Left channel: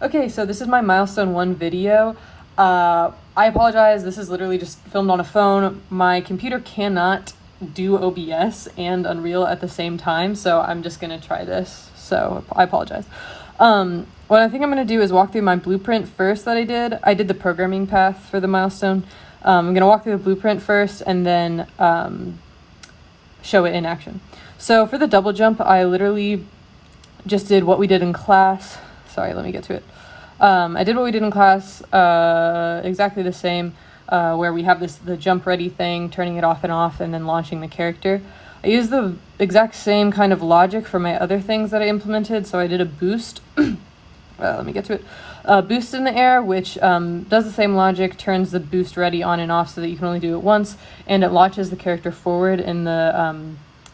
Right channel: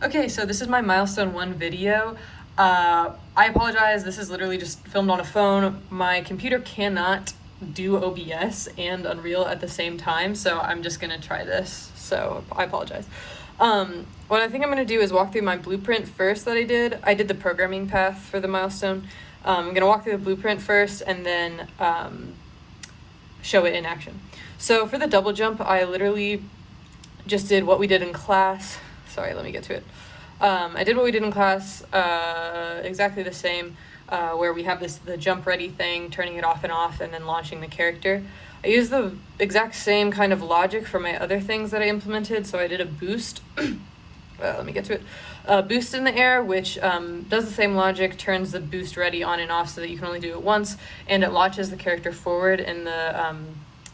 Okay, so this is my Milestone 1 video. I apologize, this is literally just filmed on a phone. My computer cannot do OBS and Unreal at the same time, so I'm just gonna try this, so I apologize. What I think I'm gonna do is walk through my blueprint first that I did. I did the programming path for the Milestone. I'm gonna walk through the blueprint first and then show it in action. So for the double jump, I literally just did what we did in class. Sorry, let me get to it. I did what we did in class, exactly the same, where we have the jump ready thing, turning it off, and then launching the character. I used the exact same kind of logic for my other things that I implemented, so I did a boost. Let me get to it. Boost in the air, which does the same logic, turns the boost ready on and off so that you can only do it once, and it launches the character forward in the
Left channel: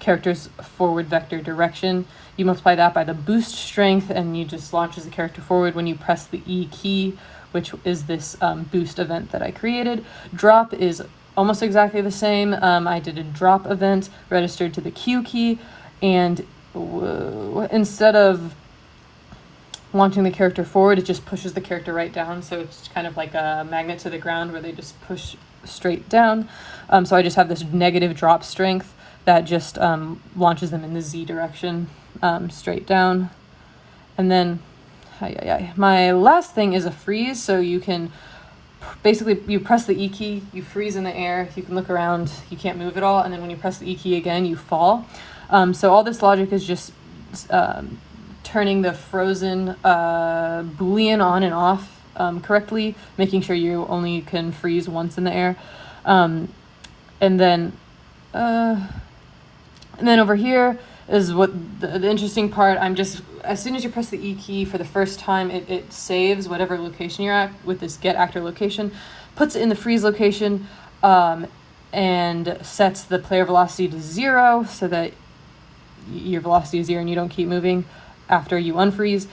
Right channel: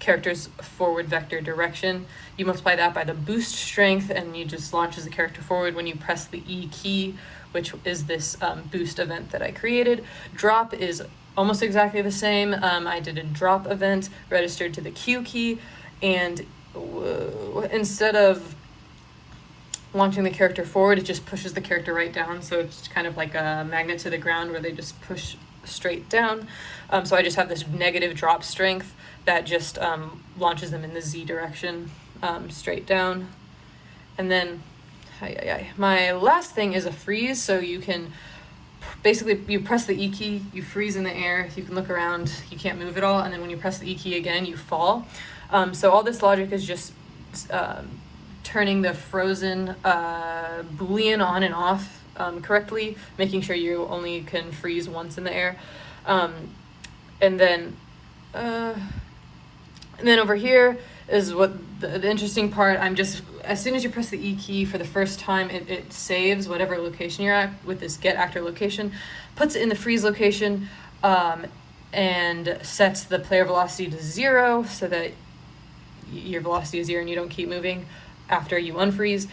character's forward vector direction. You multiply that by the boost strength and you just launches the character forward when you press the E key, which is this boost event that I created. Drop is almost exactly the same. I did a drop event registered to the Q key, and instead of launching the character forward, it just pushes the character right down, so it's kind of like a magnet to the ground where they just push straight down. So I just have this negative drop strength that just launches them in the Z direction, straight down. And then, my last thing is a freeze, so you can, basically, you press the E key, you freeze in the air, you can look around, you can't move at all, and then when you press the E key again, you fall. So all this logic is just turning the frozen Boolean on and off correctly, making sure you only can freeze once in the air. And then over here is what the interesting part. I'm just, as soon as you press the E key for the first time, it saves whatever location you're at with this get actor location, puts it in the freeze location, and sets the player velocity to 0 so that your velocity is 0 and you don't keep moving after you unfreeze.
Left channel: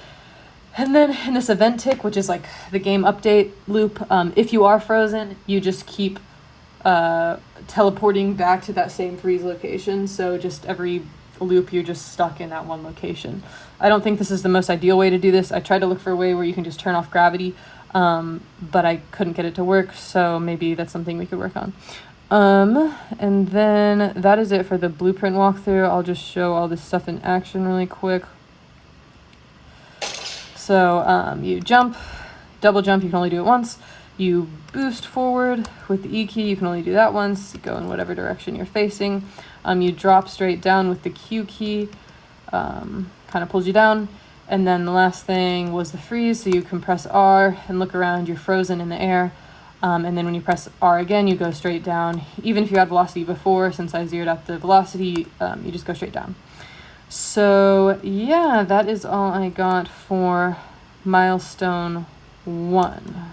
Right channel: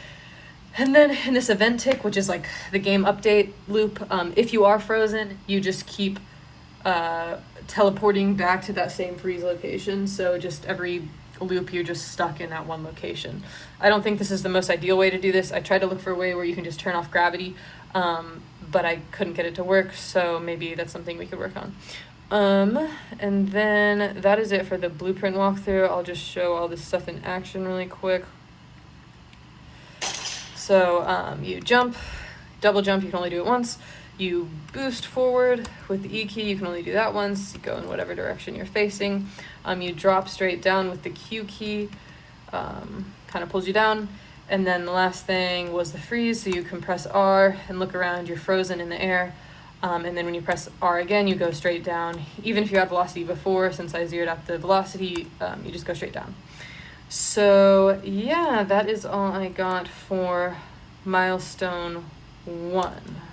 And then in this event tick, which is like the game update loop, if you are frozen, you just keep teleporting back to that same freeze location. So just every loop, you're just stuck in that one location. I don't think this is the most ideal way to do this. I tried to look for a way where you can just turn off gravity, but I couldn't get it to work, so maybe that's something we could work on. And then that is it for the blueprint walkthrough. I'll just show all this stuff in action really quick. So you jump, double jump, you can only do it once. You boost forward with the E key, you can only do that once. Go in whatever direction you're facing. You drop straight down with the Q key, kind of pulls you down. And then the last thing was the freeze, so you can press R and look around, you're frozen in the air. And then when you press R again, you go straight down. Even if you had velocity before, since I zeroed out the velocity, you just go straight down. So yeah, that is all I got for Milestone 1.